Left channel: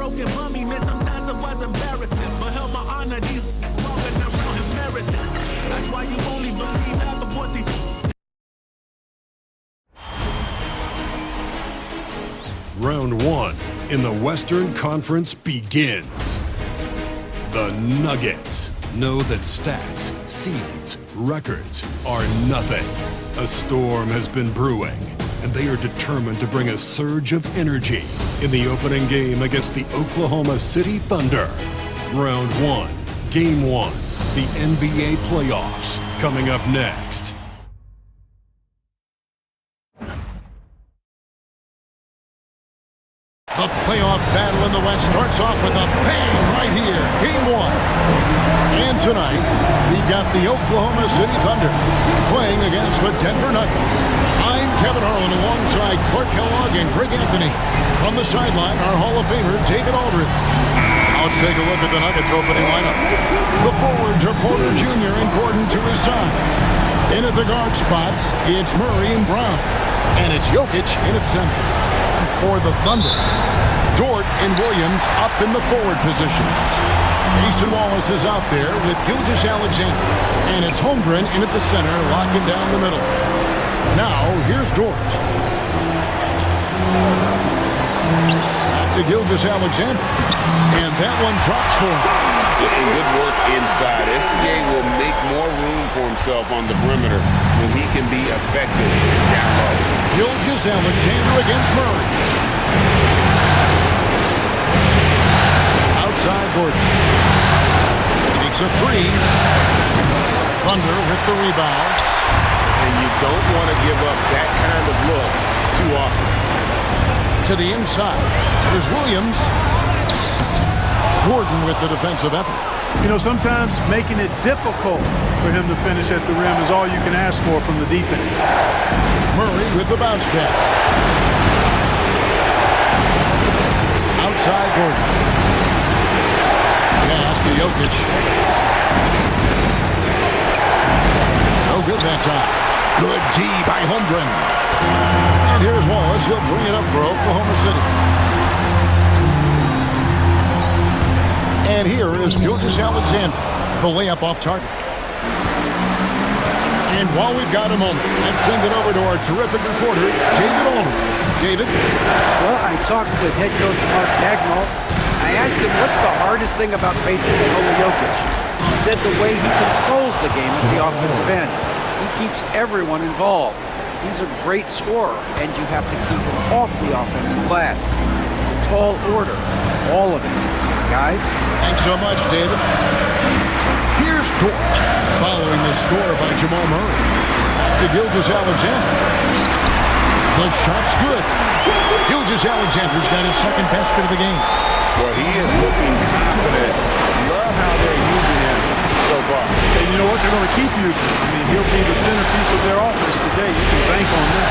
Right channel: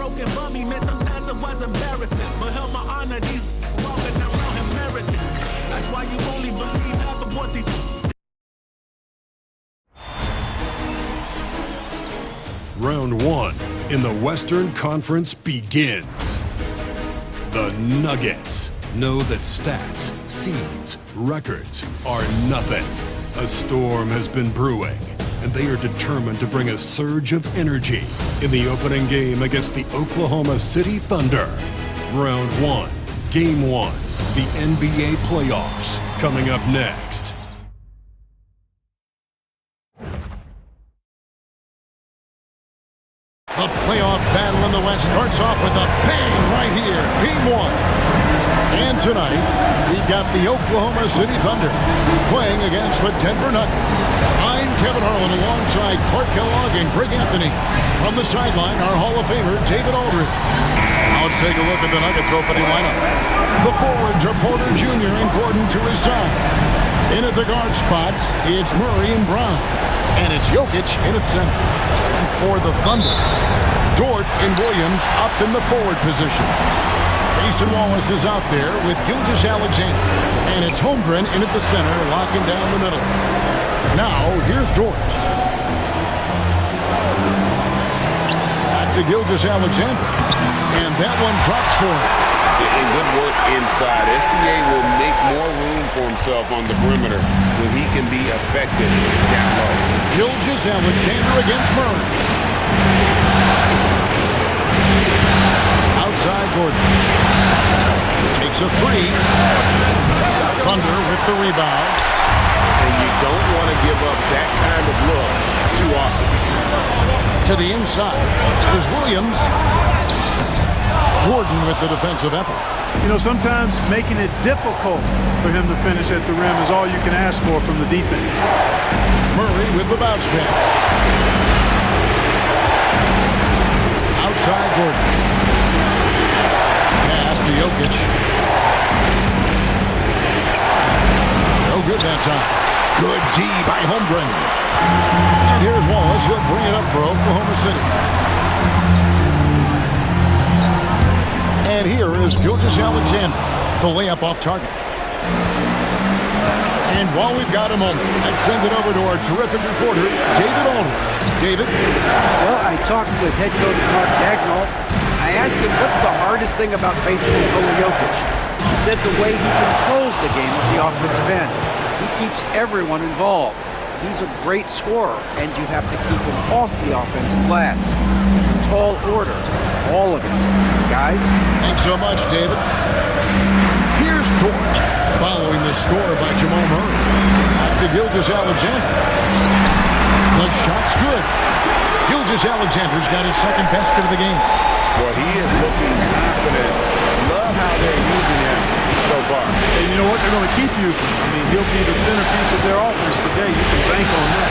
broken bummy, man, sometimes it was embarrassing. But held my honor, these walking around him meritless. That's why you only believe half of what these. Round one in the Western Conference begins. The Nuggets know that stats, seeds, records are nothing. A storm has been brewing, and they are determined to bring a surge of energy in the opening game against the Oklahoma City Thunder. Round one, game one, the NBA playoffs, coming up next. The playoff battle in the West starts off with a bang right here, game one. And tonight, we've got the Oklahoma City Thunder playing against the Denver Nuggets. I'm Kevin Harlan alongside Clark Kellogg and Greg Anthony. From the sideline, our Hall of Famer, David Aldridge. Now let's take a look at the Nuggets opening lineup. The forwards are Porter Jr. and Gordon to his side. In at the guard spots, it's Murray and Brown. And it's Jokic in at center. And for the Thunder, Dort and Williams up in the forward positions. Mason Wallace is out there with Gilgeous-Alexander. And it's Holmgren in at the center, locking down the middle. Now, here's Dort. Back to Gilgeous-Alexander. And that one drops for him. And good work inside. SGA will make more room for himself on the perimeter when he can be effective down low. Gilgeous-Alexander against Murray. Outside Gordon. Takes a three. Thunder with the rebound. And you don't want to give up that kind of look too often. To the inside. Here's Williams. Gordon with the defensive effort. You know, sometimes making it difficult for him to finish at the rim is all you can ask for from the defense. Murray with the bounce pass. Outside Gordon. Pass to Jokic. No good that time. Good D by Holmgren. And here's Wallace. He'll bring it up for Oklahoma City. And here is Gilgeous-Alexander. The layup off target. And while we've got a moment, let's send it over to our terrific reporter, David Aldridge. David? Well, I talked with head coach Mark Dagnall. I asked him what's the hardest thing about facing Nikola Jokic. He said the way he controls the game at the offensive end. He keeps everyone involved. He's a great scorer, and you have to keep him off the offensive glass. It's a tall order, all of it. Guys? Thanks so much, David. Here's Dort, following the score by Jamal Murray. Back to Gilgeous-Alexander. The shot's good. Gilgeous-Alexander's got his second basket of the game. Well, he is looking confident. Love how they're using him so far. And you know what? They're going to keep using him. I mean, he'll be the centerpiece of their offense today. You can bank on that.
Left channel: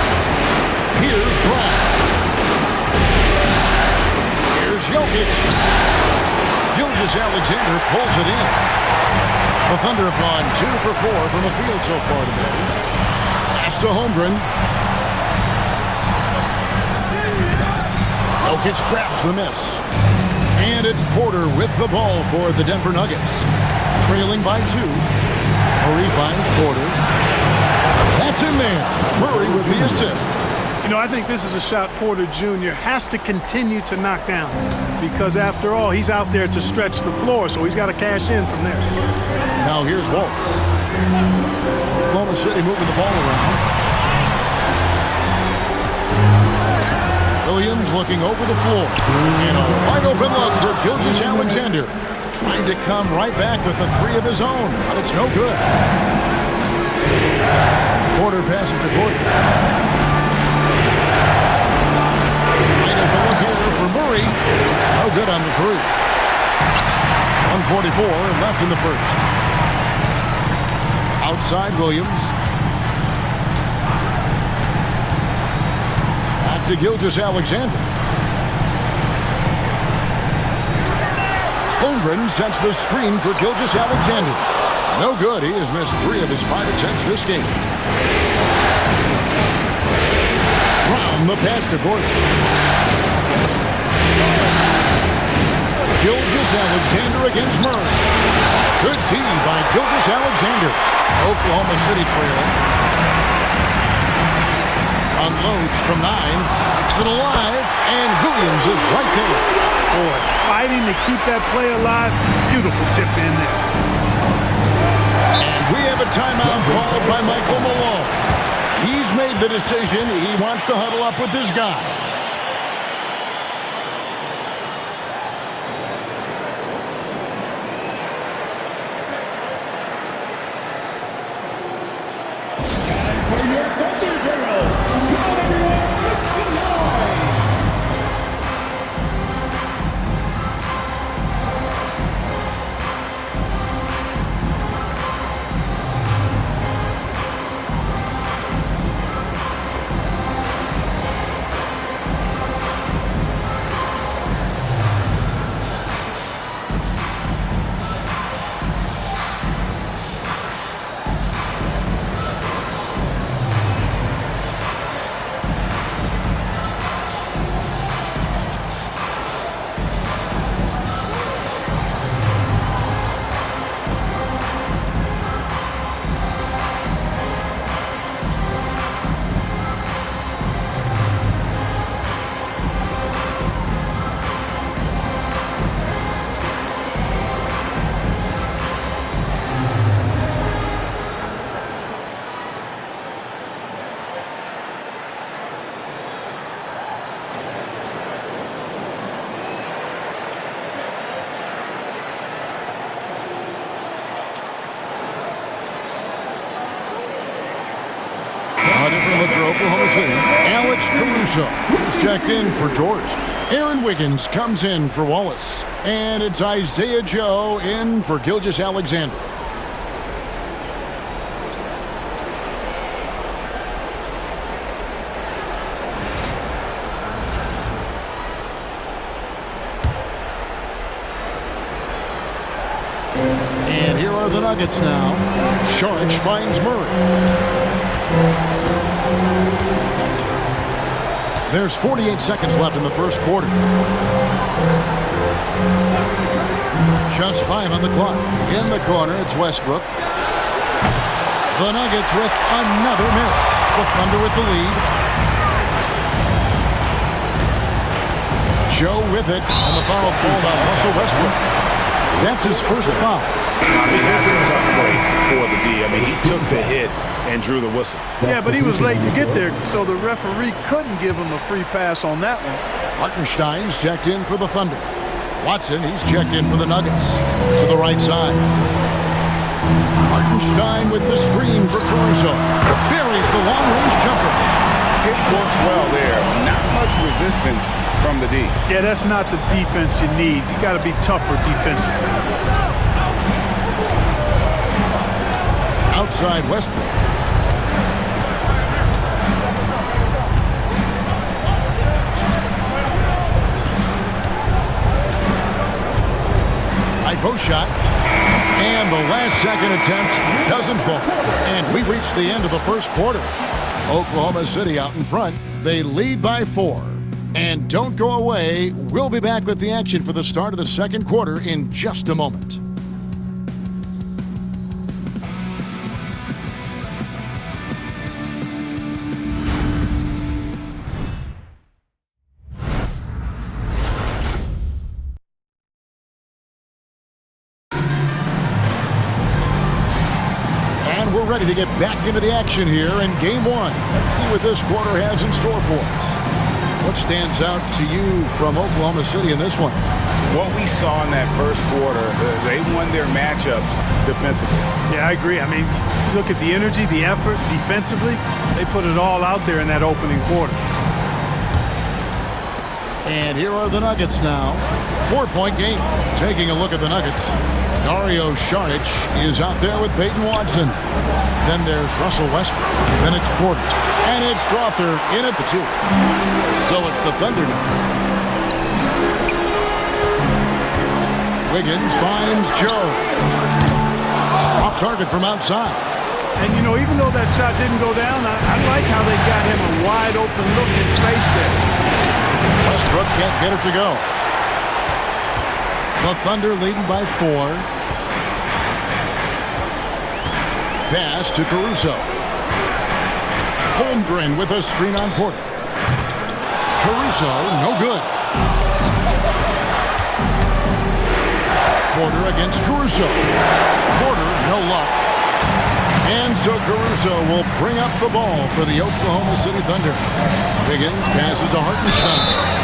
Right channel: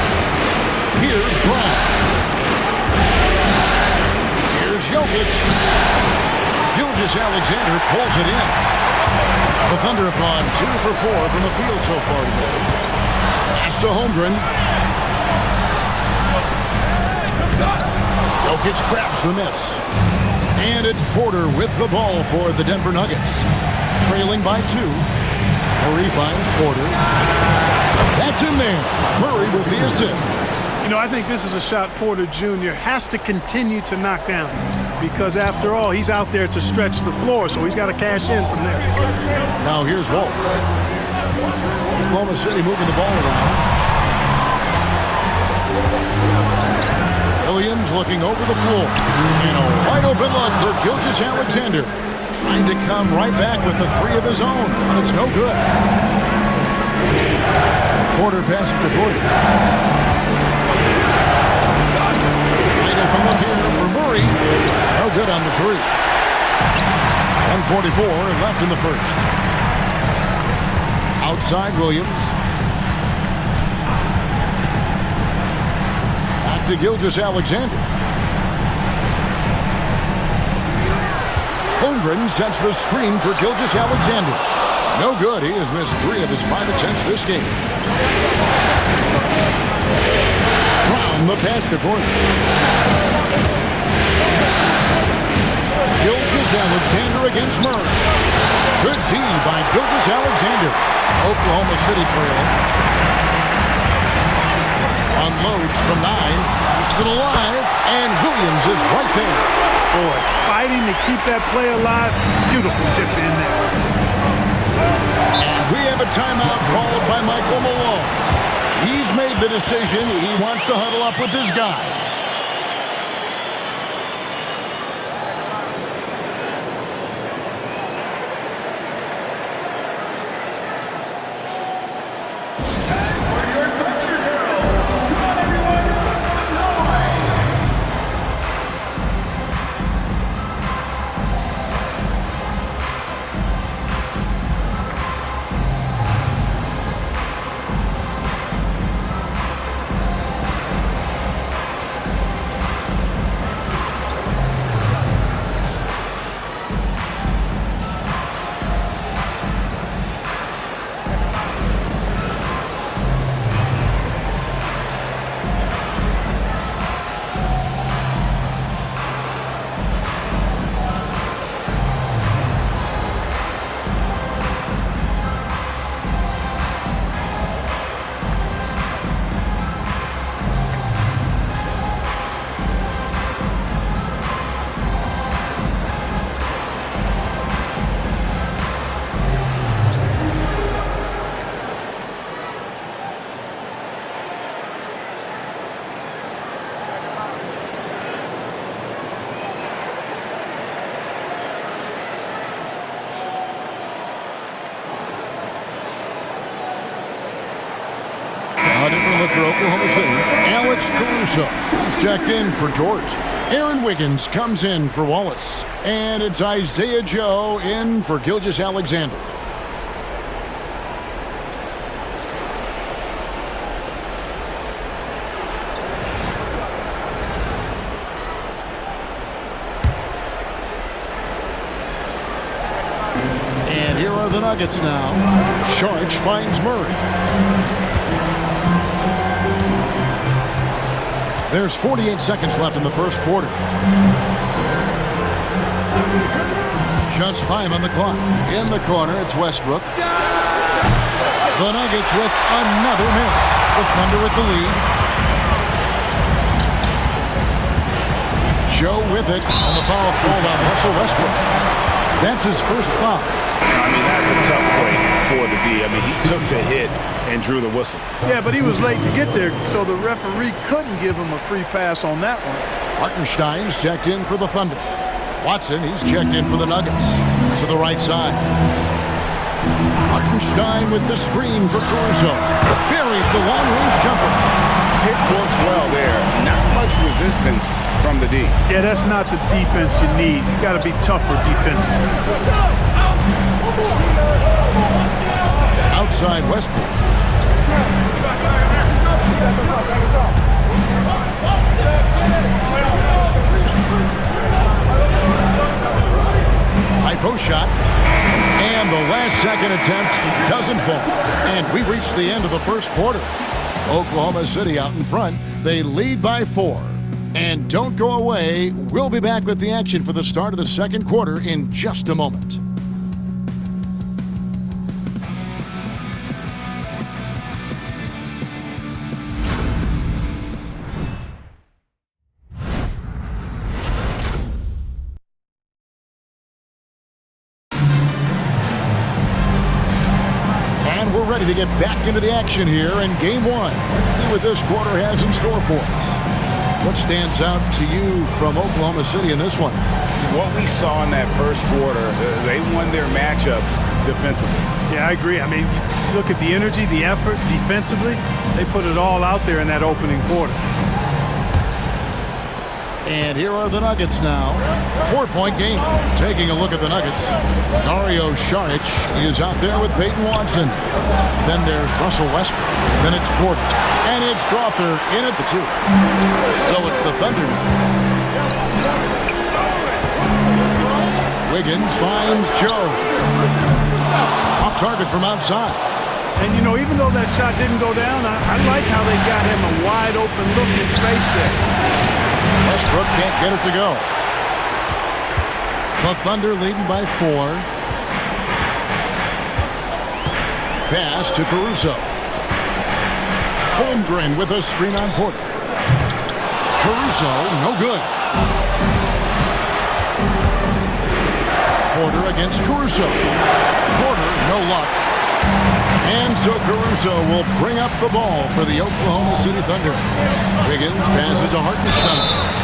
Here's Brown. Here's Jokic. Gilgeous-Alexander pulls it in. The Thunder have gone 2 for 4 from the field so far today. Pass to Holmgren. Jokic grabs the miss. And it's Porter with the ball for the Denver Nuggets. Trailing by 2. Murray finds Porter. That's in there. Murray with the assist. You know, I think this is a shot Porter Jr. has to continue to knock down because, after all, he's out there to stretch the floor, so he's got to cash in from there. Now here's Wallace. Oklahoma City moving the ball around. Williams looking over the floor. And a wide-open look for Gilgeous-Alexander. Trying to come right back with the 3 of his own, but it's no good. Porter passes to Gordon. Wide-open look here for Murray. No good on the 3. 1:44 left in the first. Outside Williams. Back to Gilgeous-Alexander. Holmgren sets the screen for Gilgeous-Alexander. No good. He has missed 3 of his 5 attempts this game. Brown the pass to Gordon. Gilgeous-Alexander against Murray. Good D by Gilgeous-Alexander. Oklahoma City trailing. Unloads from 9. Keeps it alive. And Williams is right there. Boy, fighting to keep that play alive. Beautiful tip in there. And we have a timeout called by Michael Malone. He's made the decision. He wants to huddle up with his guys. A different look for Oklahoma City. Alex Caruso. He's checked in for George. Aaron Wiggins comes in for Wallace. And it's Isaiah Joe in for Gilgeous-Alexander. And here are the Nuggets now. Saric finds Murray. There's 48 seconds left in the first quarter. Just 5 on the clock. In the corner, it's Westbrook. The Nuggets with another miss. The Thunder with the lead. Joe with it, and the foul called on Russell Westbrook. That's his first foul. I mean, that's a tough play for the D. I mean, he took the hit and drew the whistle. Yeah, but he was late to get there, so the referee couldn't give him a free pass on that one. Hartenstein's checked in for the Thunder. Watson, he's checked in for the Nuggets. To the right side. Hartenstein with the screen for Caruso. Buries the long-range jumper. Hit works well there. Not much resistance from the D. Yeah, that's not the defense you need. You got to be tougher defensively. Outside Westbrook. High post shot. And the last second attempt doesn't fall. And we've reached the end of the first quarter. Oklahoma City out in front. They lead by 4. And don't go away. We'll be back with the action for the start of the second quarter in just a moment. And we're ready to get back into the action here in Game 1. Let's see what this quarter has in store for us. What stands out to you from Oklahoma City in this one? What we saw in that first quarter, they won their matchups defensively. Yeah, I agree. I mean, you look at the energy, the effort defensively, they put it all out there in that opening quarter. And here are the Nuggets now. 4-point game. Taking a look at the Nuggets. Dario Saric is out there with Peyton Watson. Then there's Russell Westbrook. Then it's Porter. And it's Strawther in at the 2. So it's the Thunder now. Wiggins finds Joe. Off target from outside. And, you know, even though that shot didn't go down, I like how they got him a wide open look in space there. Westbrook can't get it to go. The Thunder leading by 4. Pass to Caruso. Holmgren with a screen on Porter. Caruso, no good. Porter against Caruso. Porter, no luck. And so Caruso will bring up the ball for the Oklahoma City Thunder. Wiggins passes to Hartenstein.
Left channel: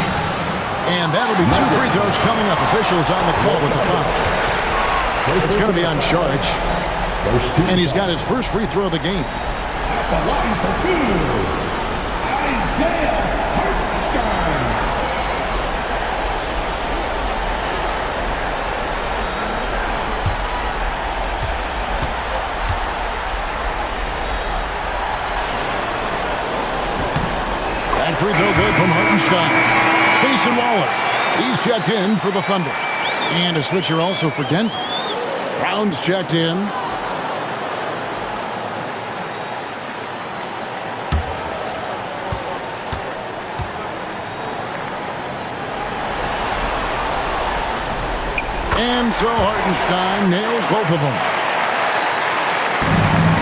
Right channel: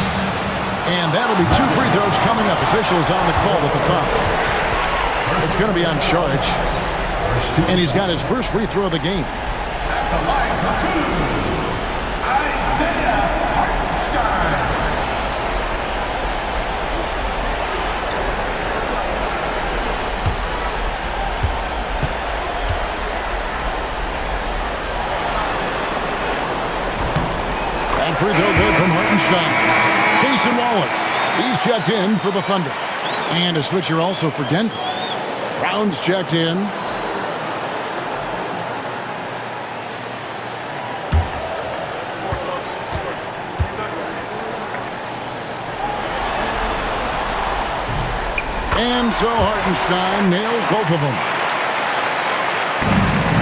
And that'll be 2 free throws coming up. Officials on the call with the foul. It's going to be on Saric. And he's got his first free throw of the game. At the line for 2, Isaiah Hartenstein. That free throw good from Hartenstein. Mason Wallace, he's checked in for the Thunder. And a switcher also for Denver. Brown's checked in. And so Hartenstein nails both of them.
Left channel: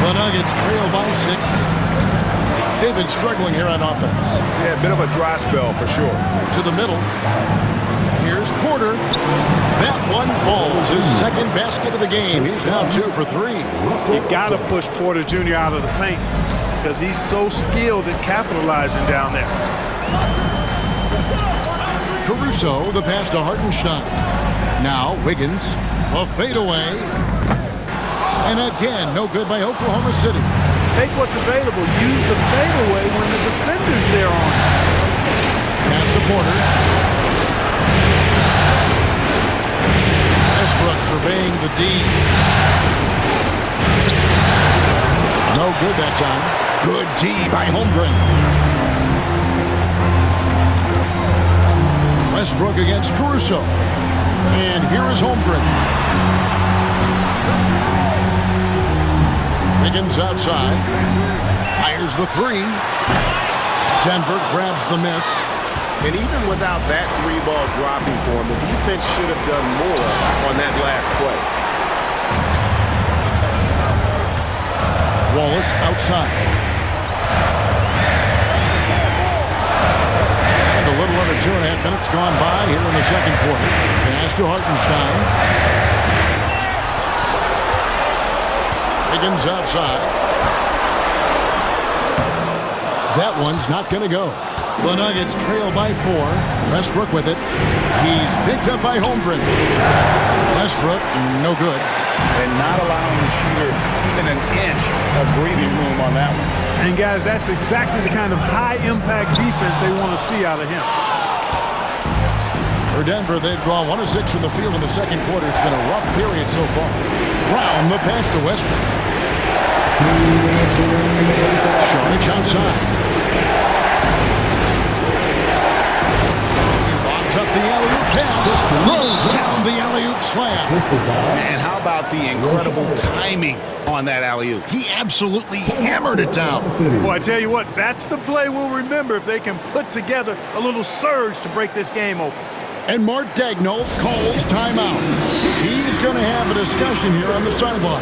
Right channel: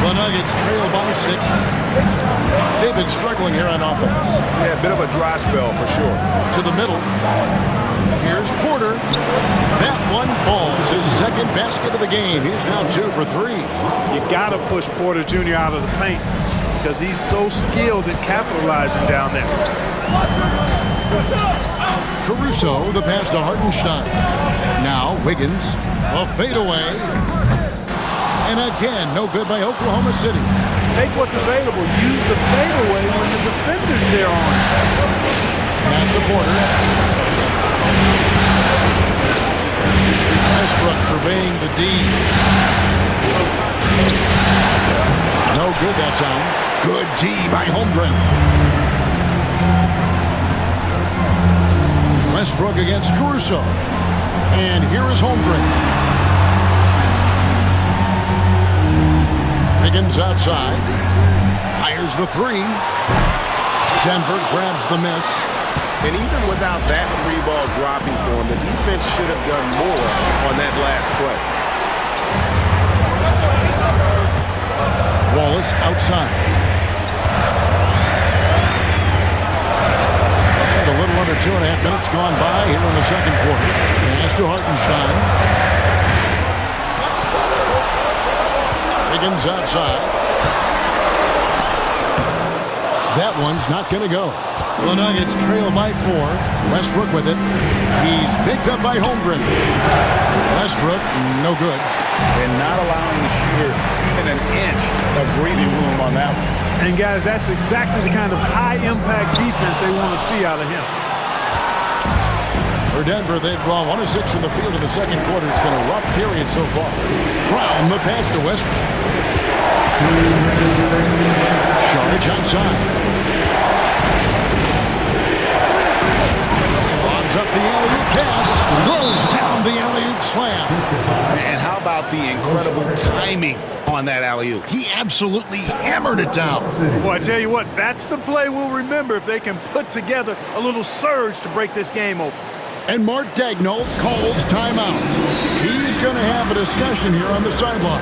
The Nuggets trail by 6. They've been struggling here on offense. Yeah, a bit of a dry spell for sure. To the middle. Here's Porter. That one falls, his second basket of the game. He's now 2 for 3. You got to push Porter Jr. out of the paint because he's so skilled at capitalizing down there. Caruso, the pass to Hartenstein. Now Wiggins, a fadeaway. And again, no good by Oklahoma City. Take what's available. Use the fadeaway when the defender's there on it. Pass to Porter. Westbrook surveying the D. No good that time. Good D by Holmgren. Westbrook against Caruso. And here is Holmgren. Wiggins outside. Fires the 3. Denver grabs the miss. And even without that 3-ball dropping for him, the defense should have done more on that last play. Wallace outside. And a little under 2.5 minutes gone by here in the second quarter. Pass to Hartenstein. Wiggins outside. That one's not going to go. The Nuggets trail by 4. Westbrook with it. He's picked up by Holmgren. Westbrook, no good. And not allowing the shooter even an inch of breathing room on that one. And guys, that's exactly the kind of high-impact defense they want to see out of him. For Denver, they've gone 1 of 6 from the field in the second quarter. It's been a rough period so far. Brown, the pass to Westbrook. Saric outside. Up the alley-oop pass, throws down the alley-oop slam. And how about the incredible timing on that alley-oop? He absolutely hammered it down. Well, I tell you what, that's the play we'll remember if they can put together a little surge to break this game open. And Mark Daigneault calls timeout. He's going to have a discussion here on the sideline.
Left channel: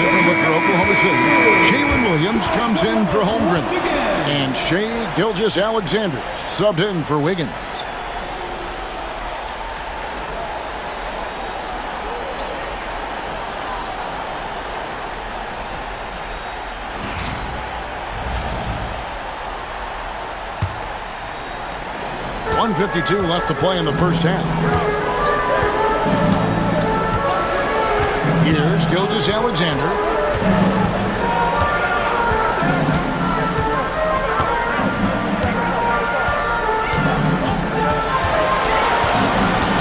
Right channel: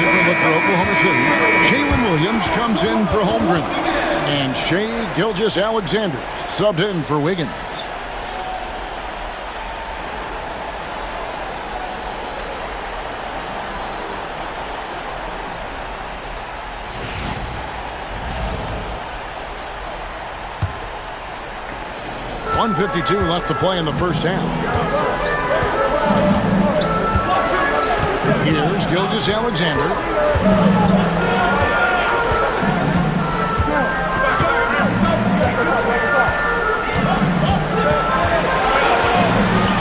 different look for Oklahoma City. Jalen Williams comes in for Holmgren. And Shea Gilgeous-Alexander subbed in for Wiggins. .152 left to play in the first half. Here's Gilgeous-Alexander.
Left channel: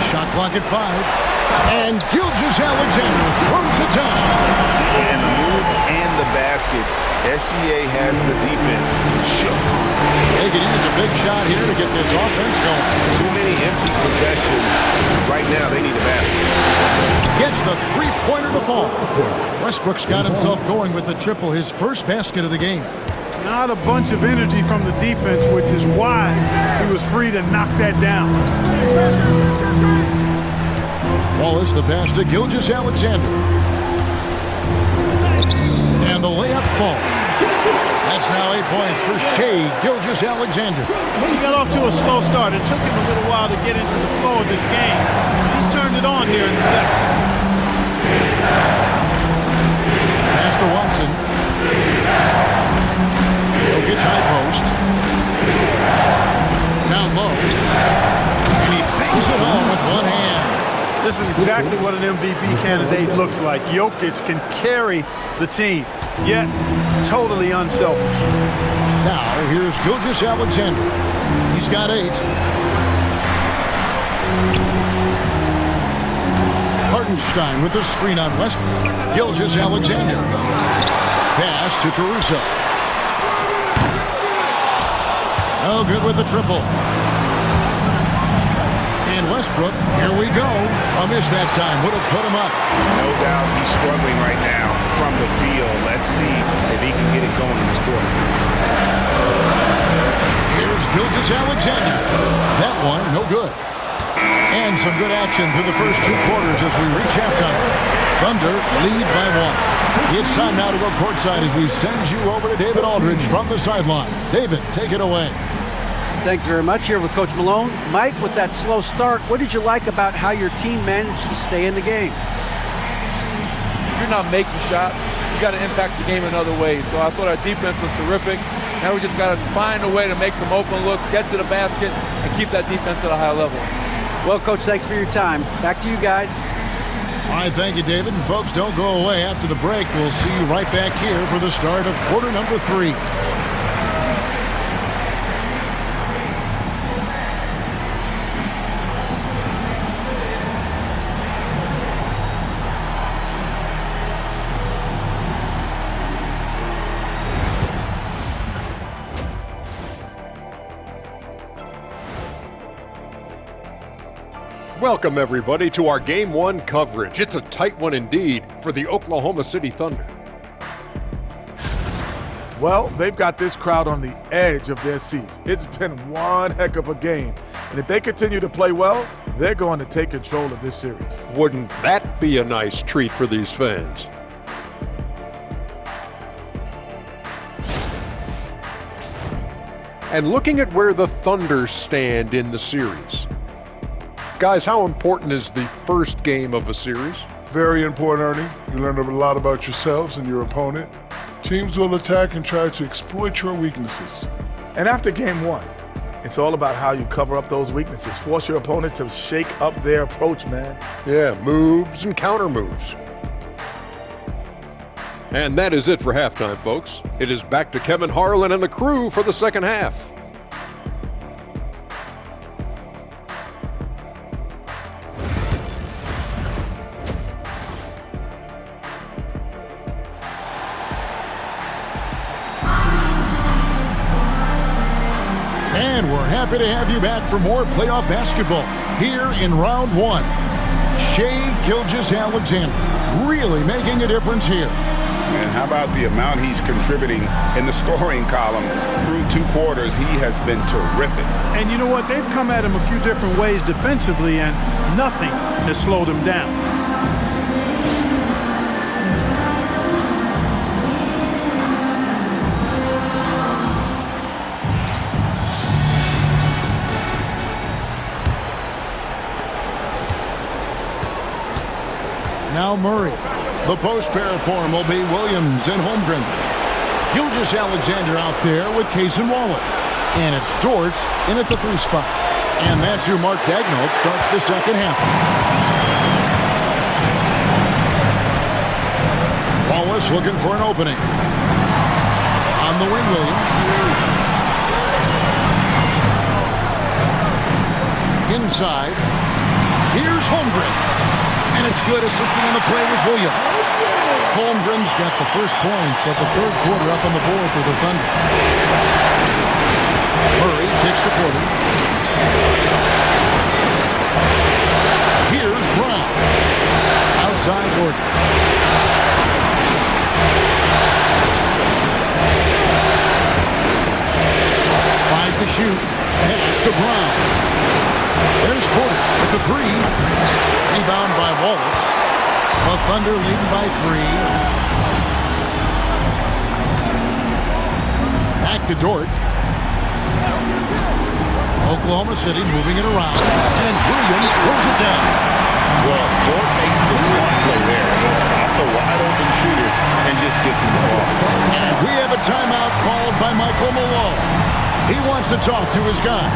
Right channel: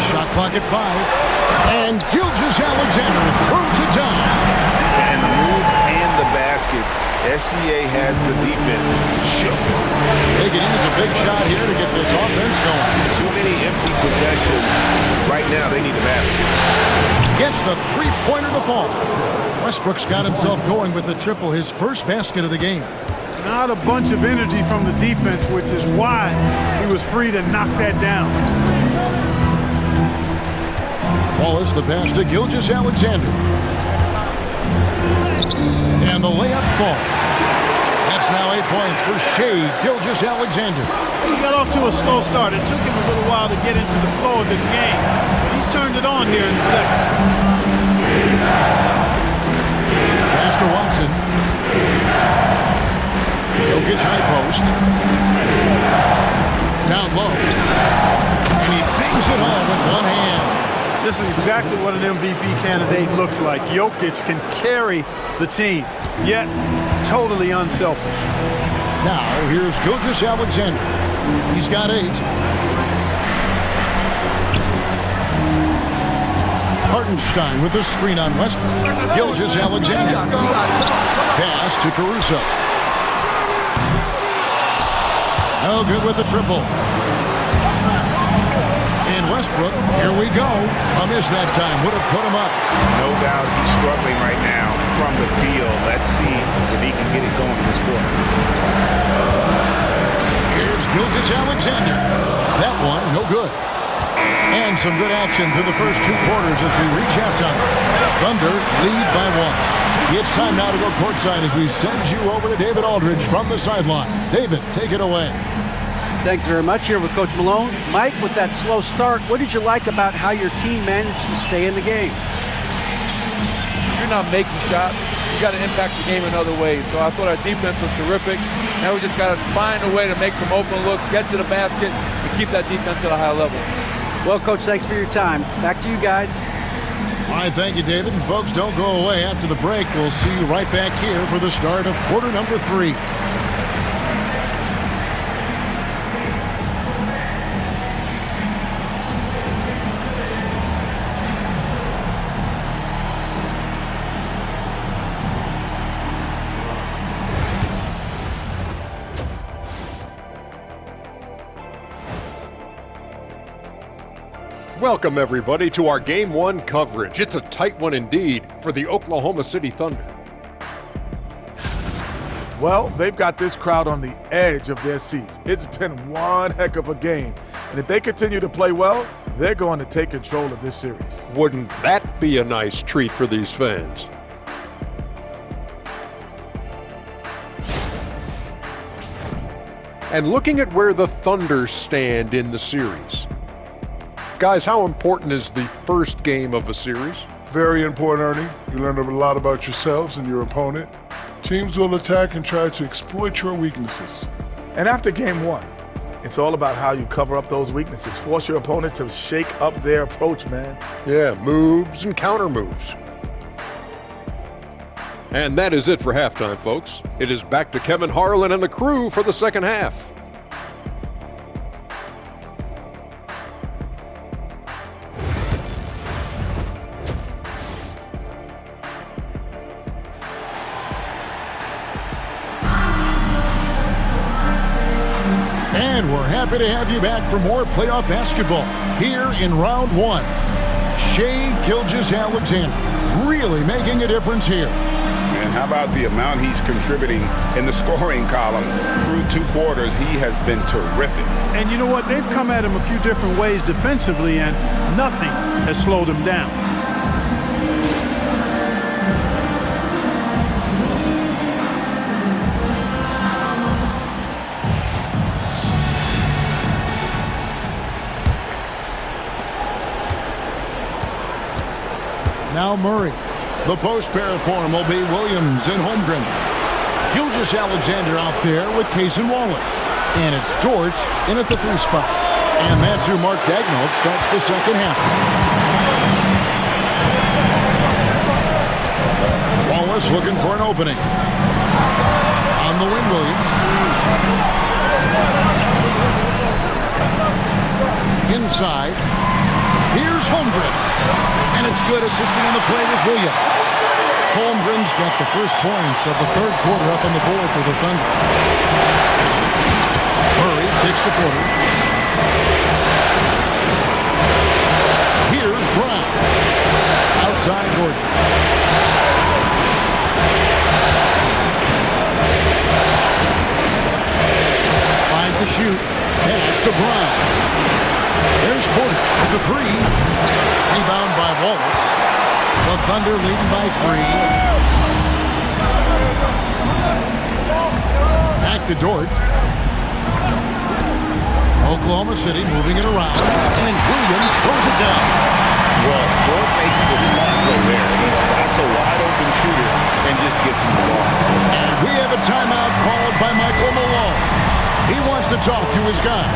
Shot clock at 5. And Gilgeous-Alexander throws it down. And the move and the basket. SGA has the defense shook. They could use a big shot here to get this offense going. Too many empty possessions. Right now, they need a basket. Gets the three-pointer to fall. Westbrook's got himself going with the triple, his first basket of the game. Not a bunch of energy from the defense, which is why he was free to knock that down. Wallace the pass to Gilgeous-Alexander. And the layup falls. That's now 8 points for Shea Gilgeous-Alexander. He got off to a slow start. It took him a little while to get into the flow of this game, but he's turned it on here in the second. Pass to Watson. Jokic high post. Down low. And he bangs it home with one hand. This is exactly what an MVP candidate looks like. Jokic can carry the team, yet totally unselfish. Now, here's Gilgeous-Alexander. He's got 8. Hartenstein with the screen on Westbrook. Gilgeous-Alexander. Pass to Caruso. No good with the triple. And Westbrook, here we go. A miss that time would have put him up. No doubt he's struggling right now from the field. Let's see if he can get it going this quarter. Here's Gilgeous-Alexander. That one, no good. And some good action through the first 2 quarters as we reach halftime. Thunder lead by 1. It's time now to go courtside as we send you over to David Aldridge from the sideline. David, take it away. Thanks very much. Here with Coach Malone. Mike, with that slow start, what did you like about how your team managed to stay in the game? If you're not making shots, you got to impact the game in other ways. So I thought our defense was terrific. Now we just got to find a way to make some open looks, get to the basket, and keep that defense at a high level. Well, Coach, thanks for your time. Back to you guys. All right, thank you, David. And folks, don't go away. After the break, we'll see you right back here for the start of quarter number 3. Welcome, everybody, to our Game 1 coverage. It's a tight one indeed for the Oklahoma City Thunder. Well, they've got this crowd on the edge of their seats. It's been one heck of a game. And if they continue to play well, they're going to take control of this series. Wouldn't that be a nice treat for these fans? And looking at where the Thunder stand in the series. Guys, how important is the first game of a series? Very important, Ernie. You learn a lot about yourselves and your opponent. Teams will attack and try to exploit your weaknesses. And after game 1, it's all about how you cover up those weaknesses. Force your opponent to shake up their approach, man. Yeah, moves and counter moves. And that is it for halftime, folks. It is back to Kevin Harlan and the crew for the second half. And we're happy to have you back for more playoff basketball here in round 1. Shea Gilgeous-Alexander really making a difference here. And how about the amount he's contributing in the scoring column? Through 2 quarters, he has been terrific. And you know what? They've come at him a few different ways defensively, and nothing has slowed him down. Now Murray. The post pair for him will be Williams and Holmgren. Gilgeous Alexander out there with Case and Wallace. And it's Dort in at the 3 spot. And that's who Mark Daignault starts the second half. Wallace looking for an opening. On the wing, Williams. Inside. Here's Holmgren. And it's good. Assisting on the play was Williams. Holmgren's got the first points of the third quarter up on the board for the Thunder. Murray kicks the quarter. Here's Brown. Outside Gordon. Five to shoot. Pass to Brown. There's Porter with the 3. Rebound by Wallace. The Thunder leading by 3. Back to Dort. Oklahoma City moving it around. And Williams throws it down. Well, Dort makes the smart play there. He spots a wide open shooter and just gets him the ball. And we have a timeout called by Michael Malone. He wants to talk to his guys.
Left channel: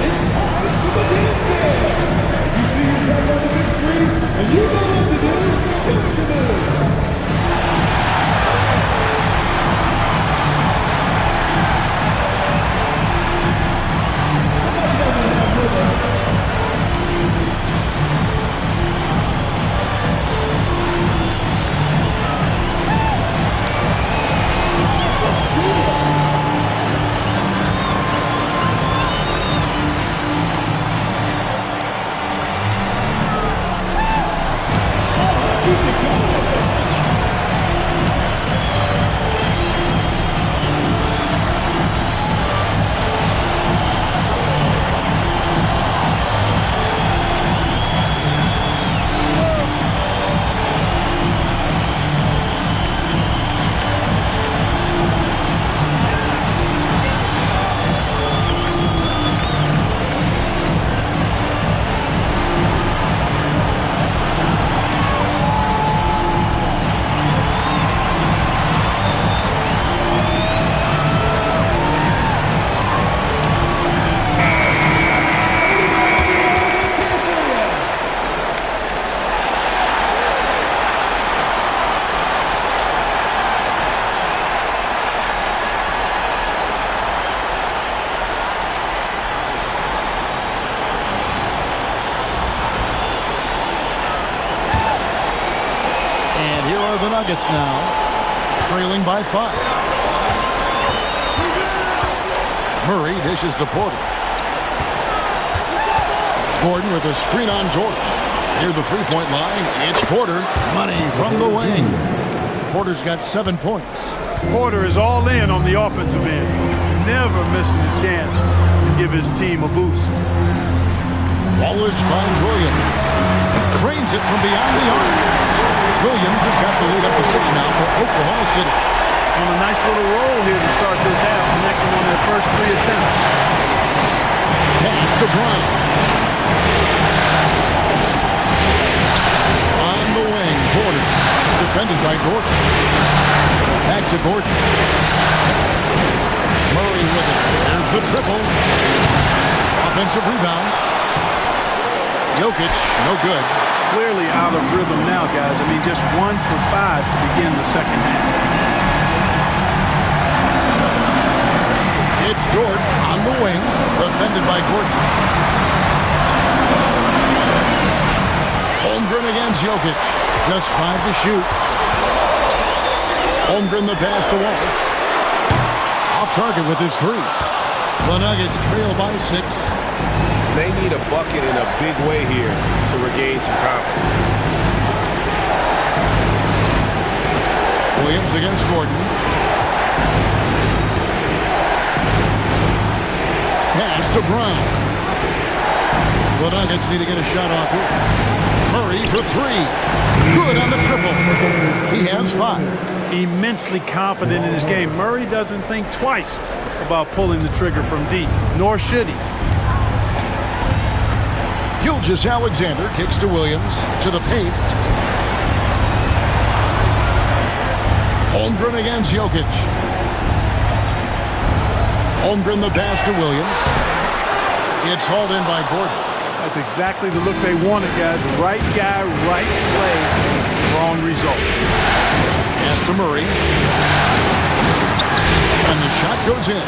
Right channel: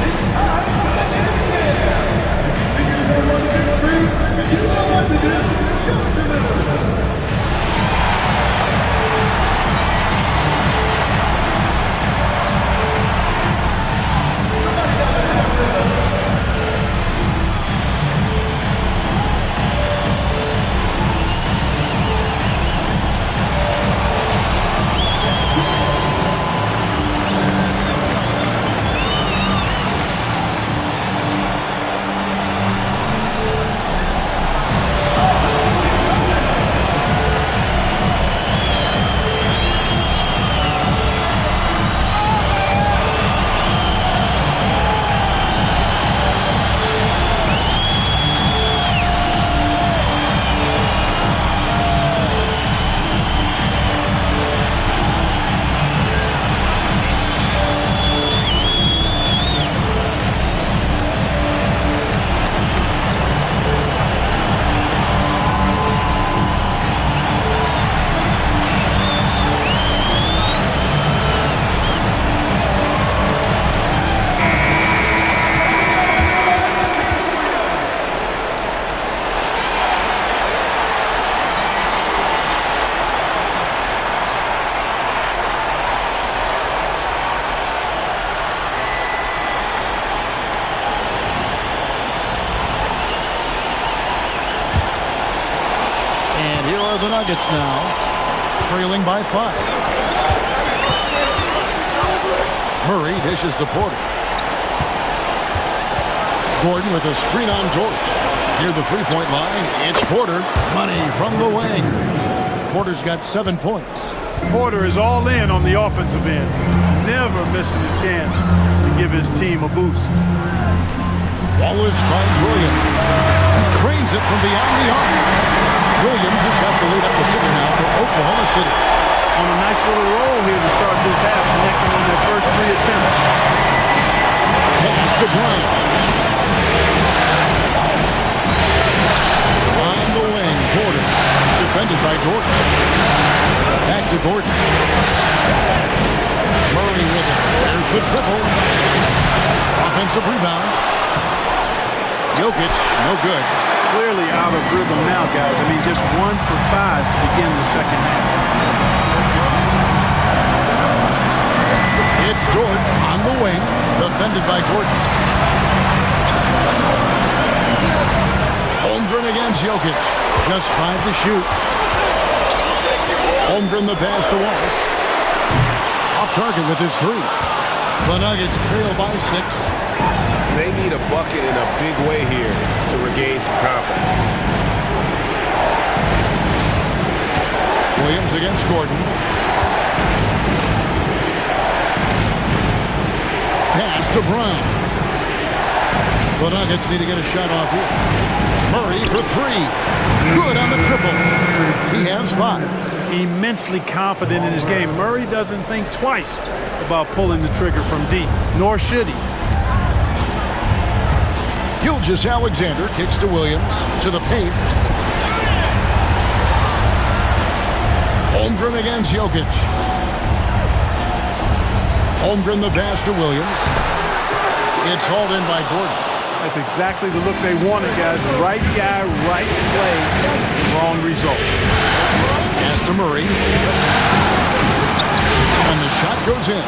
It's time for the dance game. If you see someone in the street and you know what to do, show your moves. And here are the Nuggets now, trailing by 5. Murray dishes to Porter. Gordon with a screen on Dort. Near the three-point line, it's Porter. Money from the wing. Porter's got 7 points. Porter is all in on the offensive end. Never missing a chance to give his team a boost. Wallace finds Williams and cranes it from beyond the arc. Williams has got the lead up to 6 now for Oklahoma City. On a nice little roll here to start this half, connecting on their first 3 attempts. Pass to Brown. On the wing, Porter. Defended by Gordon. Back to Gordon. Murray with it. There's the triple. Offensive rebound. Jokic, no good. Clearly out of rhythm now, guys. I mean, just 1 for 5 to begin the second half. It's Dort on the wing, defended by Gordon. Holmgren against Jokic. Just 5 to shoot. Holmgren the pass to Wallace. Off target with his 3. The Nuggets trail by 6. They need a bucket in a big way here to regain some confidence. Williams against Gordon. Pass to Brown. The Nuggets need to get a shot off here. Murray for 3. Good on the triple. He has 5. Immensely confident in his game. Murray doesn't think twice about pulling the trigger from deep, nor should he. Gilgeous-Alexander kicks to Williams, to the paint. Holmgren against Jokic. Holmgren the pass to Williams. It's hauled in by Gordon. That's exactly the look they wanted, guys. Right guy, right play, wrong result. Pass to Murray. And the shot goes in.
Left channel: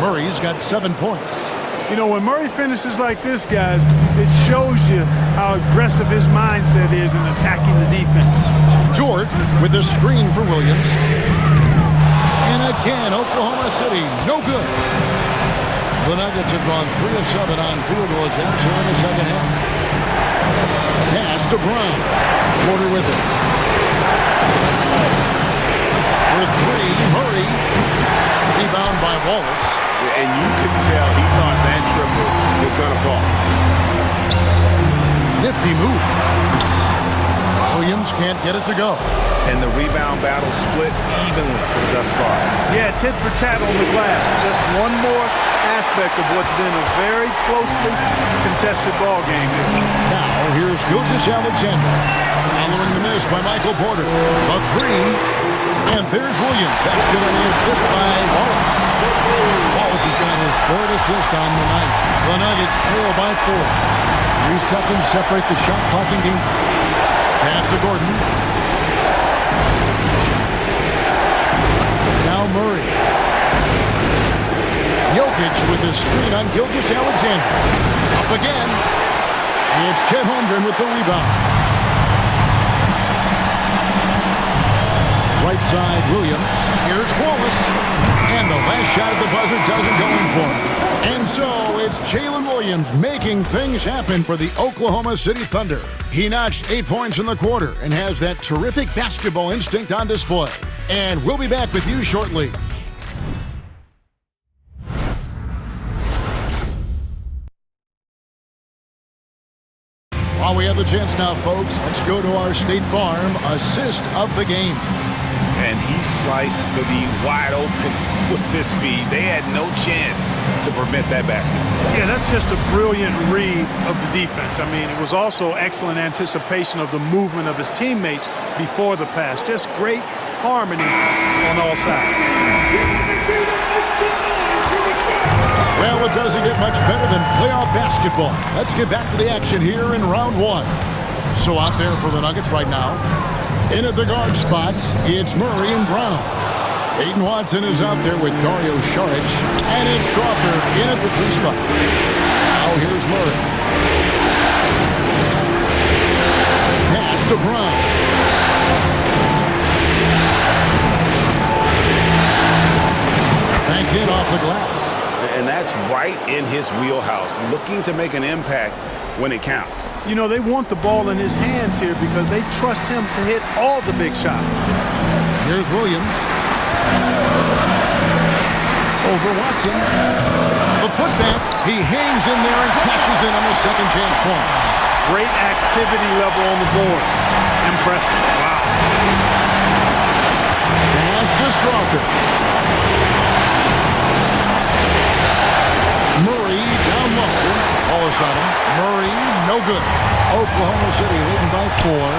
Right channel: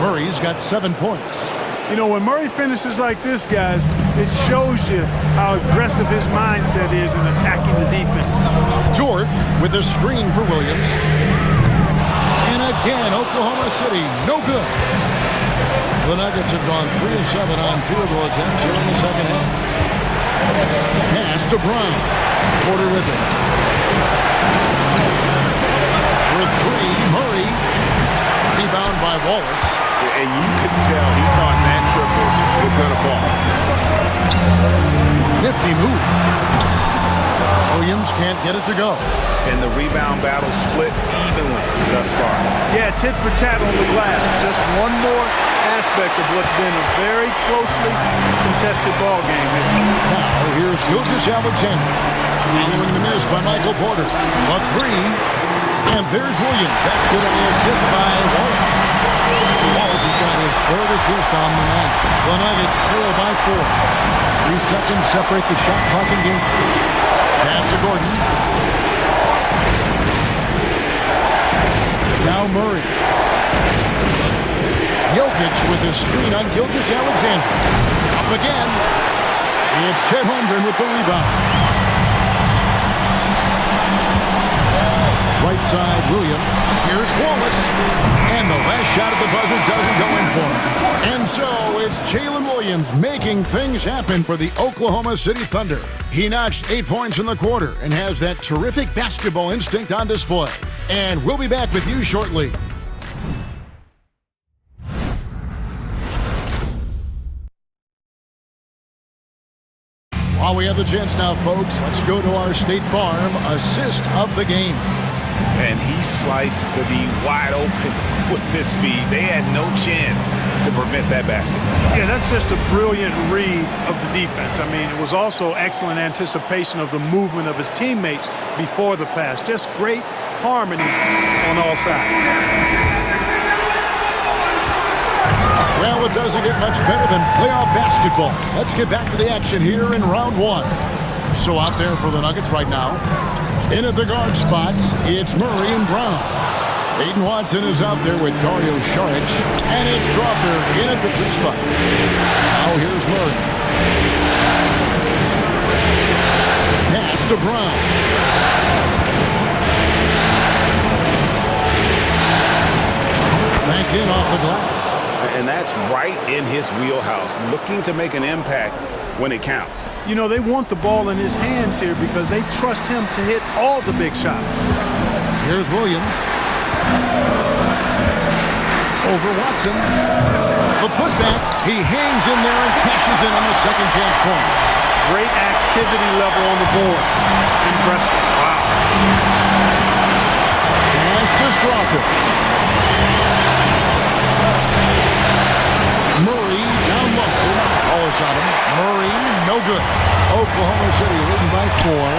Murray's got 7 points. You know, when Murray finishes like this, guys, it shows you how aggressive his mindset is in attacking the defense. Dort with a screen for Williams. And again, Oklahoma City, no good. The Nuggets have gone 3 of 7 on field goal attempts here in the second half. Pass to Brown. Porter with it. For 3, Murray. Rebound by Wallace. And you could tell he thought that triple was going to fall. Nifty move. Williams can't get it to go. And the rebound battle split evenly thus far. Yeah, tit for tat on the glass. Just one more aspect of what's been a very closely contested ball game here. Now, here's Gilgeous-Alexander. Following the miss by Michael Porter. The 3. And there's Williams. That's good on the assist by Wallace. Wallace has got his 3rd assist on the night. The Nuggets trail by 4. 3 seconds separate the shot clock and game. Pass to Gordon. Now Murray. Jokic with a screen on Gilgeous-Alexander. Up again. It's Chet Holmgren with the rebound. Right side, Williams. Here's Wallace. And the last shot at the buzzer doesn't go in for him. And so it's Jalen Williams making things happen for the Oklahoma City Thunder. He notched 8 points in the quarter and has that terrific basketball instinct on display. And we'll be back with you shortly. While we have the chance now, folks, let's go to our State Farm assist of the game. And he sliced the D wide open with this feed. They had no chance to prevent that basket. Yeah, that's just a brilliant read of the defense. I mean, it was also excellent anticipation of the movement of his teammates before the pass. Just great harmony on all sides. Well, it doesn't get much better than playoff basketball. Let's get back to the action here in round 1. So out there for the Nuggets right now. In at the guard spots, it's Murray and Brown. Aiden Watson is out there with Dario Saric. And it's Drawfer in at the 3 spot. Now here's Murray. Pass to Brown. Banked in off the glass. And that's right in his wheelhouse, looking to make an impact when it counts. You know, they want the ball in his hands here because they trust him to hit all the big shots. Here's Williams. Over Watson. The putback. He hangs in there and cashes in on the second chance points. Great activity level on the board. Impressive. Wow. Pass to Strawther. Murray down low. Wallace on him. Murray, no good. Oklahoma City leading by 4.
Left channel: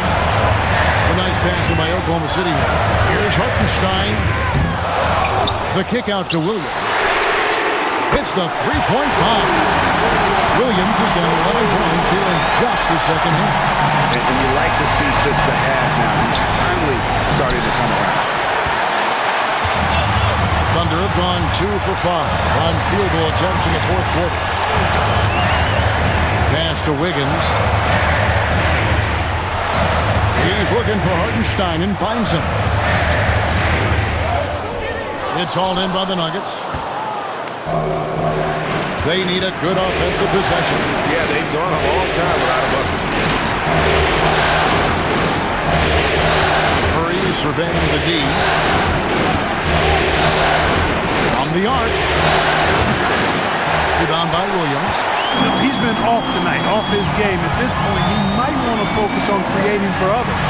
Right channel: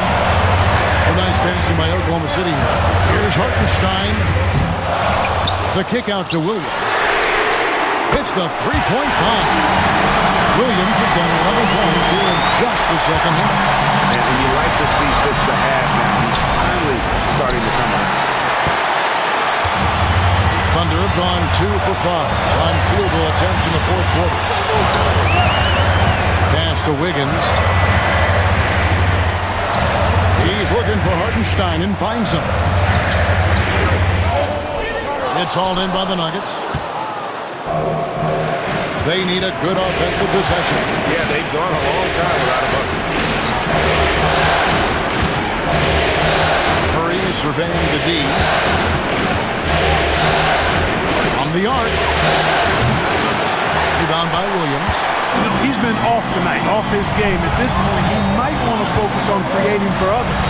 Some nice passing by Oklahoma City here. Here's Hartenstein. The kick out to Williams. It's the 3-point bomb. Williams has got 11 points here in just the second half. And you like to see since the half now, he's finally starting to come around. Thunder have gone 2 for 5 on field goal attempts in the 4th quarter. Pass to Wiggins. He's looking for Hartenstein and finds him. It's hauled in by the Nuggets. They need a good offensive possession. Yeah, they've gone a long time without a bucket. Curry surveying the D. From the arc. Rebound by Williams. You know, he's been off tonight, off his game. At this point, he might want to focus on creating for others.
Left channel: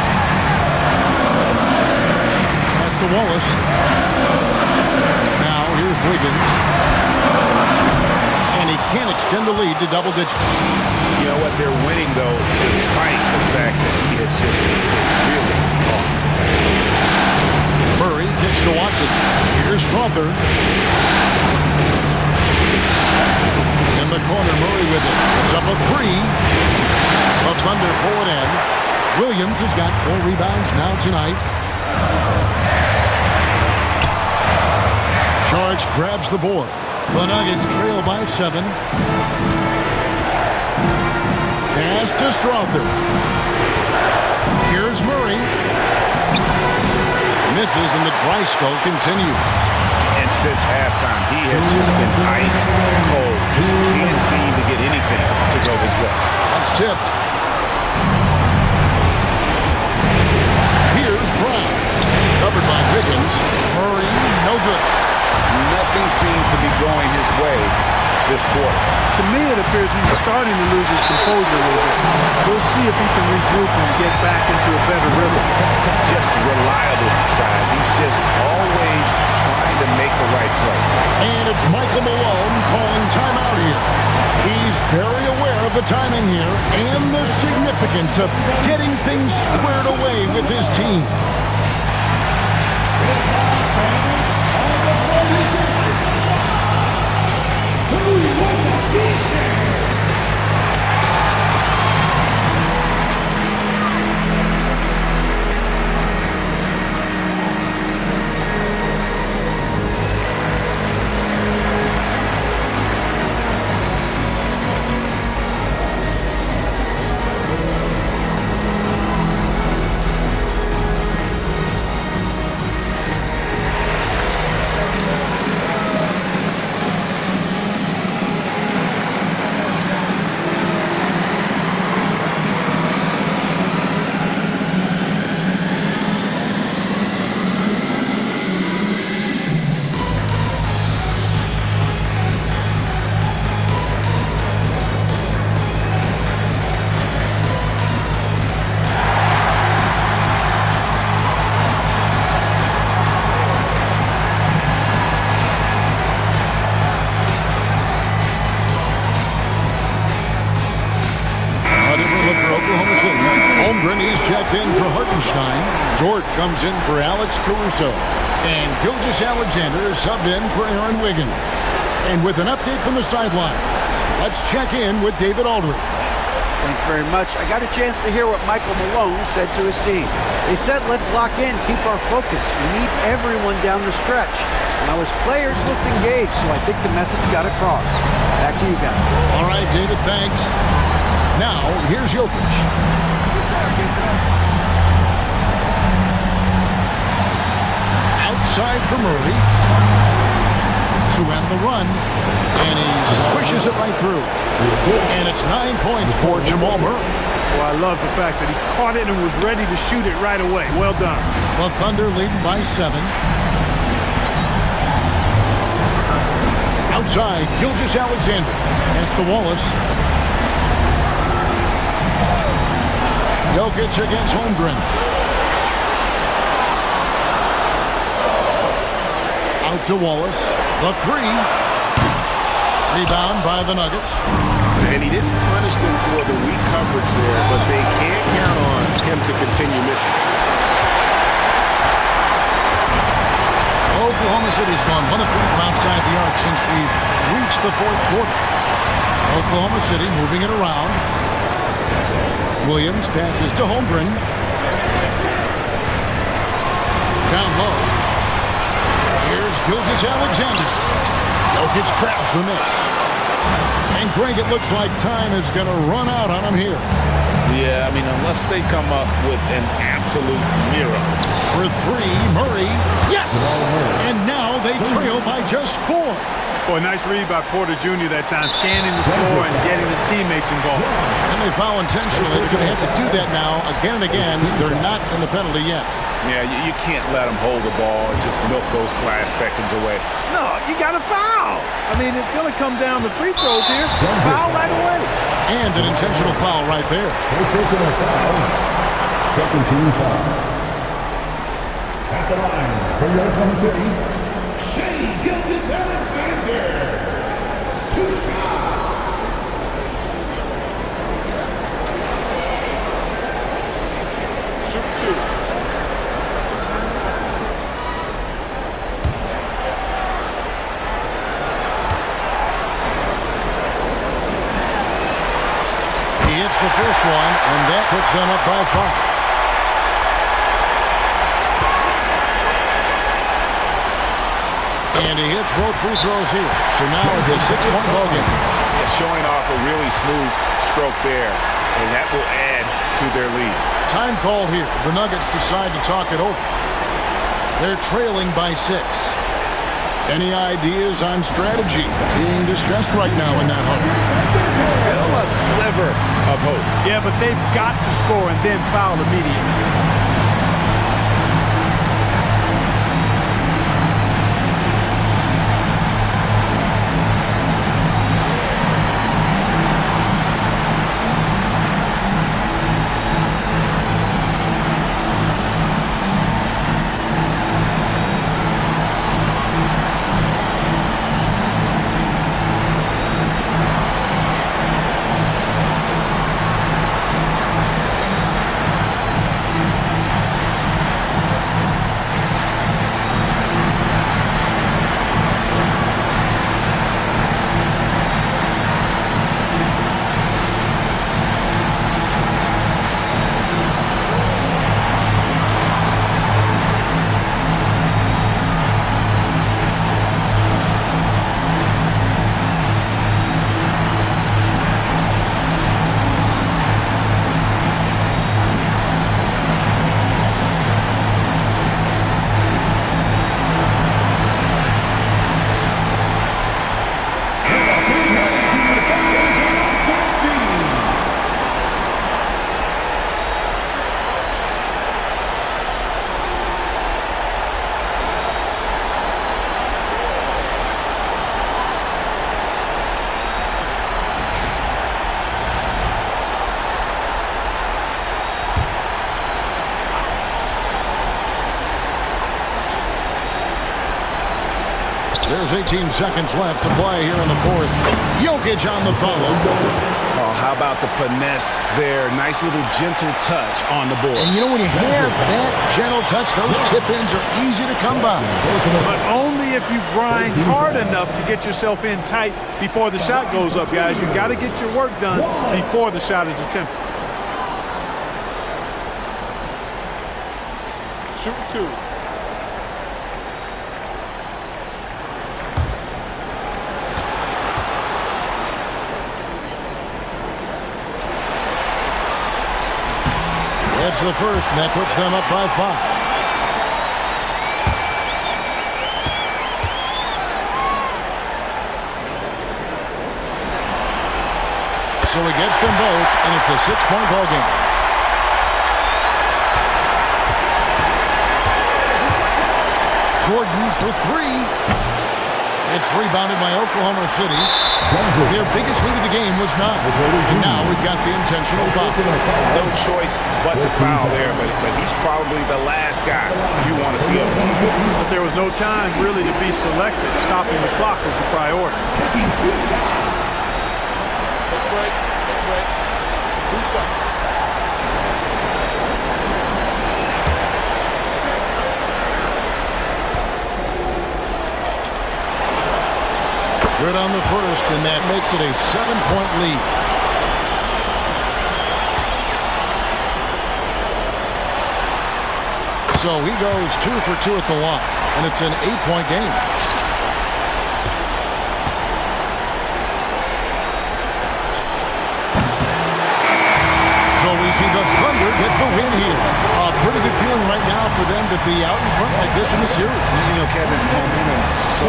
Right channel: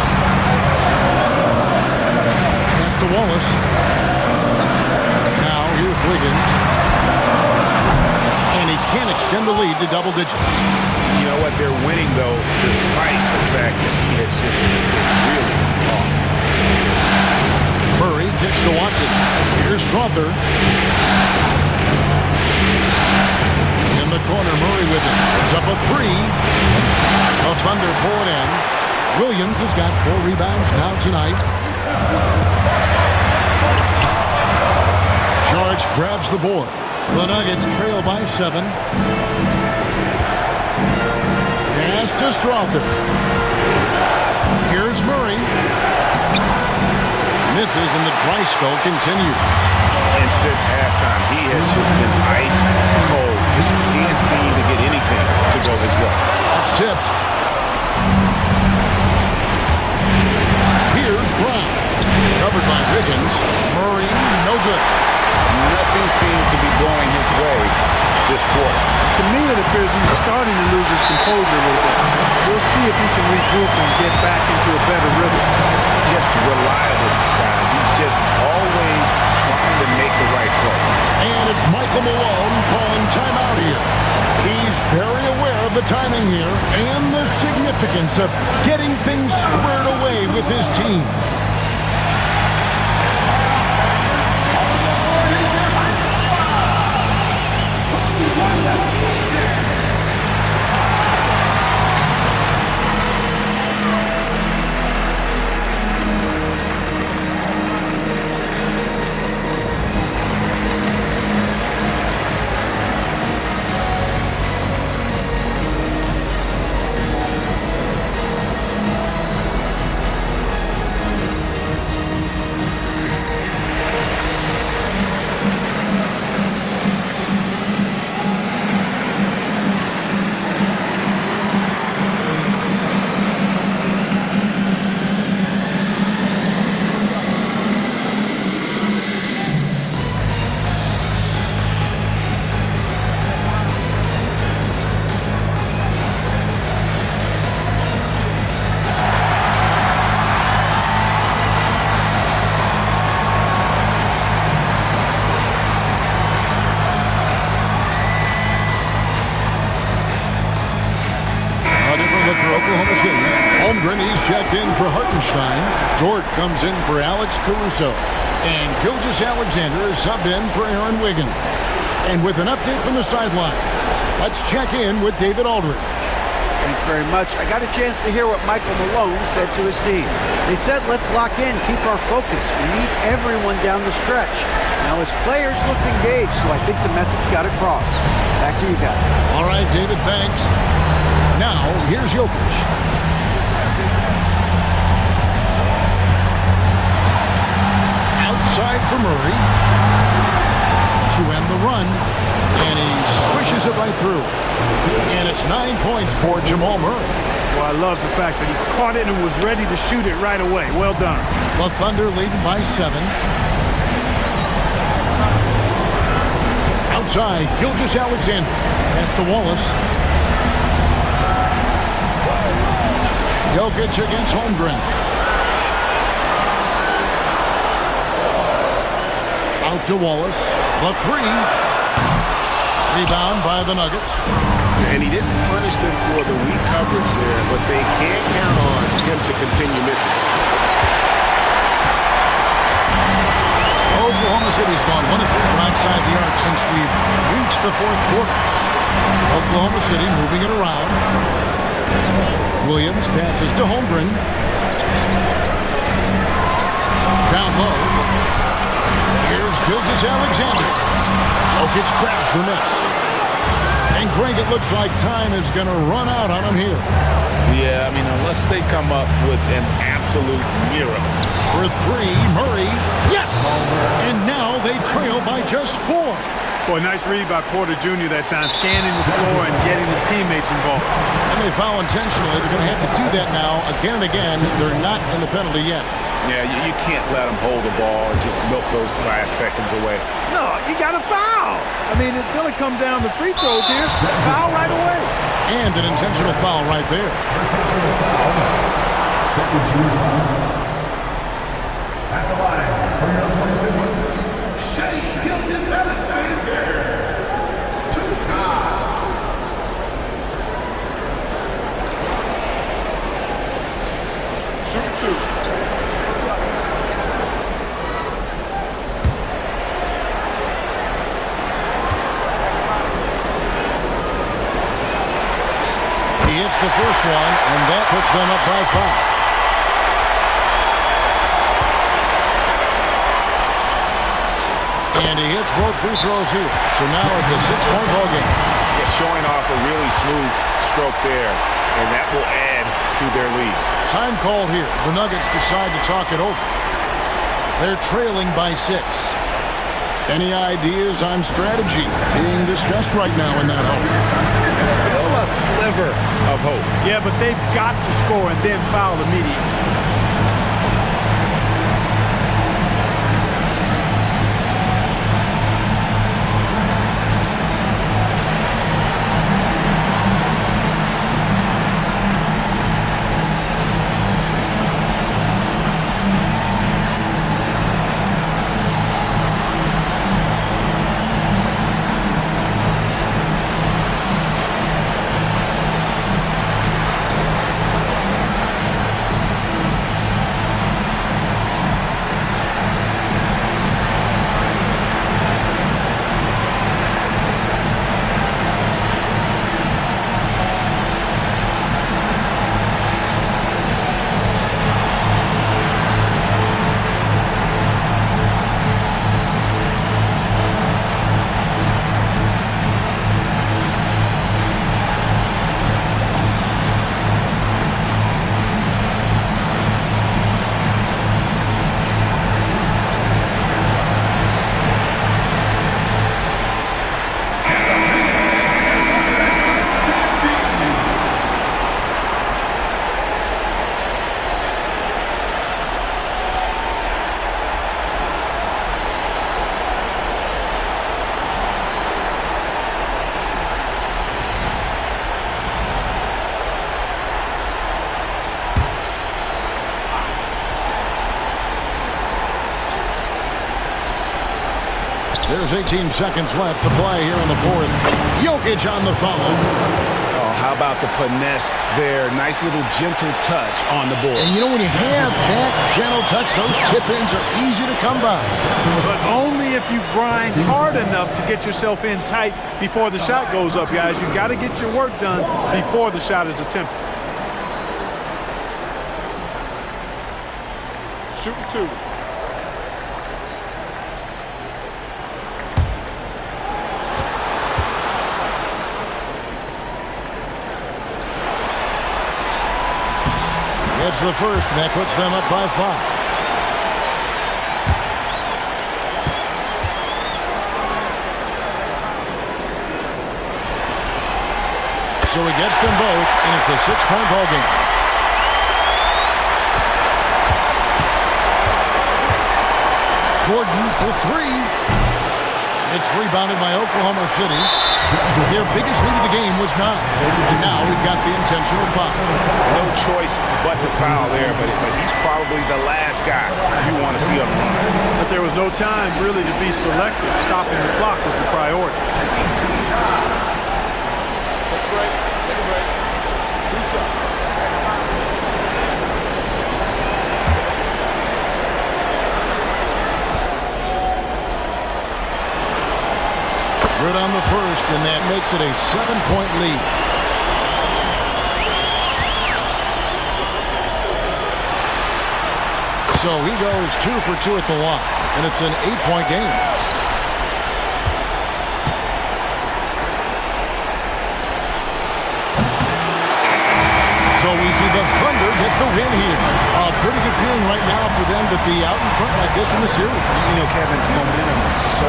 That's to Wallace. Now, here's Wiggins. And he can't extend the lead to double digits. You know what? They're winning, though, despite the fact that he has just been really off. Murray kicks to Watson. Here's Strother. In the corner, Murray with it. It's up a 3. The Thunder pull it in. Williams has got 4 rebounds now tonight. Sharks grabs the board. The Nuggets trail by 7. Pass to Strother. Here's Murray. Misses and the dry spell continues. And since halftime, he has just been ice cold. Just can't seem to get anything to go his way. That's tipped. Here's Brown. Covered by Wiggins. Murray, no good. Nothing seems to be going his way this quarter. To me, it appears he's starting to lose his composure a little bit. We'll see if he can regroup and get back into a better rhythm. Just reliable, guys. He's just always trying to make the right play. And it's Michael Malone calling timeout here. He's very aware of the timing here and the significance of getting things squared away with his team. For Oklahoma City. Holmgren is checked in for Hartenstein. Dort comes in for Alex Caruso. And Gilgeous-Alexander is subbed in for Aaron Wiggins. And with an update from the sidelines, let's check in with David Aldridge. Thanks very much. I got a chance to hear what Michael Malone said to his team. They said, let's lock in, keep our focus. We need everyone down the stretch. Now his players looked engaged, so I think the message got across. Back to you guys. All right, David, thanks. Now, here's Jokic. Outside for Murray. To end the run. And he swishes it right through. And it's 9 points for Jamal Murray. Well, I love the fact that he caught it and was ready to shoot it right away. Well done. The Thunder leading by 7. Outside, Gilgeous-Alexander. Pass to Wallace. Jokic against Holmgren. Out to Wallace. The 3. Rebound by the Nuggets. And he didn't punish them for the weak coverage there, but they can't count on him to continue missing. Oklahoma City's gone 1 of 3 from outside the arc since we've reached the 4th quarter. Oklahoma City moving it around. Williams passes to Holmgren. Down low. Here's Gilgeous-Alexander. Jokic grabs the miss. And Greg, it looks like time is going to run out on him here. Yeah, I mean, unless they come up with an absolute miracle. For 3, Murray. Yes! And now they trail by just 4. Boy, nice read by Porter Jr. that time, scanning the floor and getting his teammates involved. And they foul intentionally. They're going to have to do that now again and again. They're not in the penalty yet. Yeah, you can't let them hold the ball and just milk those last seconds away. No, you got to foul. I mean, it's going to come down to free throws here. Foul right away. And an intentional foul right there. Second team foul. At the line for your Oklahoma City, Shai Gilgeous-Alexander. 2 shots. Shooting 2. He hits the first one, and that puts them up by 5. And he hits both free throws here. So now it's a 6-point ball game. Yeah, showing off a really smooth stroke there, and that will add to their lead. Time called here. The Nuggets decide to talk it over. They're trailing by 6. Any ideas on strategy being discussed right now in that hub? Still a sliver of hope. Yeah, but they've got to score and then foul immediately. There's 18 seconds left to play here in the fourth. Jokic on the follow. Oh, how about the finesse there? Nice little gentle touch on the board. And you know, when you have that gentle touch, those tip-ins are easy to come by. But only if you grind hard enough to get yourself in tight before the shot goes up, guys. You've got to get your work done before the shot is attempted. Shooting 2. It's the first, and that puts them up by 5. So he gets them both, and it's a 6-point ball game. Gordon for 3. It's rebounded by Oklahoma City. Their biggest lead of the game was 9. And now we've got the intentional foul. No choice but to foul there, but he's probably the last guy you want to see on the line. But there was no time really to be selective. Stopping the clock was the priority. Taking 2 shots. Take a break. Take a break. 2 shots. Good on the first, and that makes it a 7-point lead. So he goes 2 for 2 at the line, and it's an 8-point game. So we see the Thunder get the win here. A pretty good feeling right now for them to be out in front like this in the series. You know, Kevin, momentum so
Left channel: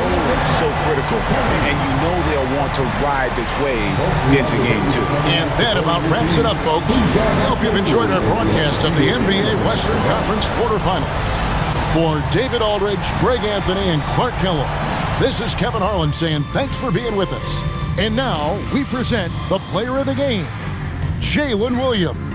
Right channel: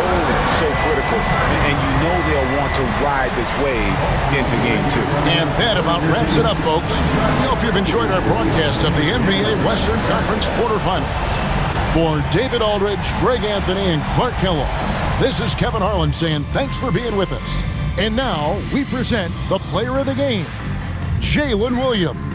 critical, and you know they'll want to ride this wave into game 2. And that about wraps it up, folks. We hope you've enjoyed our broadcast of the NBA Western Conference quarterfinals. For David Aldridge, Greg Anthony, and Clark Kellogg, this is Kevin Harlan saying thanks for being with us. And now we present the player of the game, Jalen Williams.